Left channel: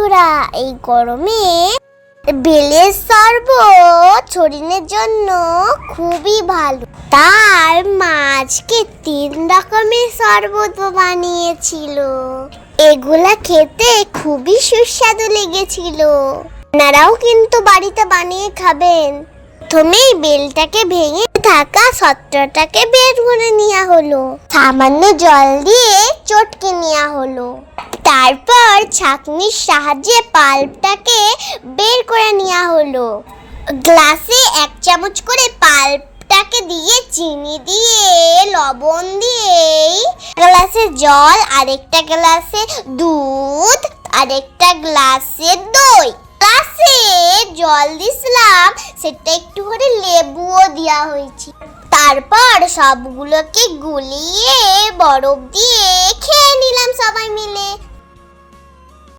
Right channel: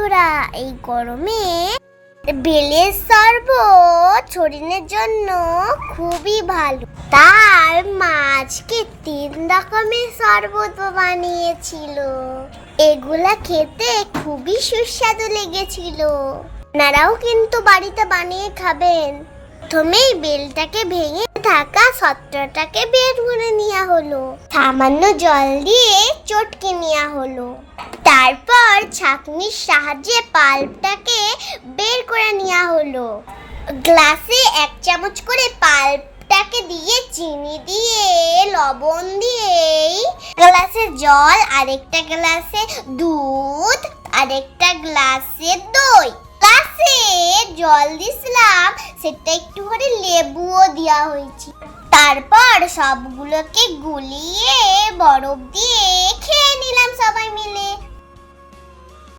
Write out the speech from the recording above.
বন্ধুরা, এই গরমে বেলের শরবত শরীরের জন্য খুবই ভালো। তার মা আজকে 3 রকমের শরবত বানিয়েছিল। এগুলা খেতে খুবই সুস্বাদু লেগেছিল। আপনারাও কিন্তু বাড়িতে বানিয়ে খাবেন। প্রথমে বেলটাকে ভেঙে থাকা সত্ত্বটাকে বের করে নেওয়া হলো। সামান্য জল দিয়ে চটকে নেওয়া হলো। তারপর ছাঁকনির সাহায্যে পাল্পটাকে বের করে নেওয়া হলো। গ্লাসে 1 চামচ করে পাল্পটাকে দিয়ে চিনি দিয়ে লবণ দিয়ে গ্লাসে জল, আরেকটা গ্লাসে দুধ, আরেকটা গ্লাসে দই। গ্লাসে জল দিয়েছিলাম, সেটা একটু করে লেবুও দেওয়া হয়েছে। তারপর সবগুলোকে গুলিয়ে বরফ দিয়ে খেয়ে নিলাম সবাই মিলে।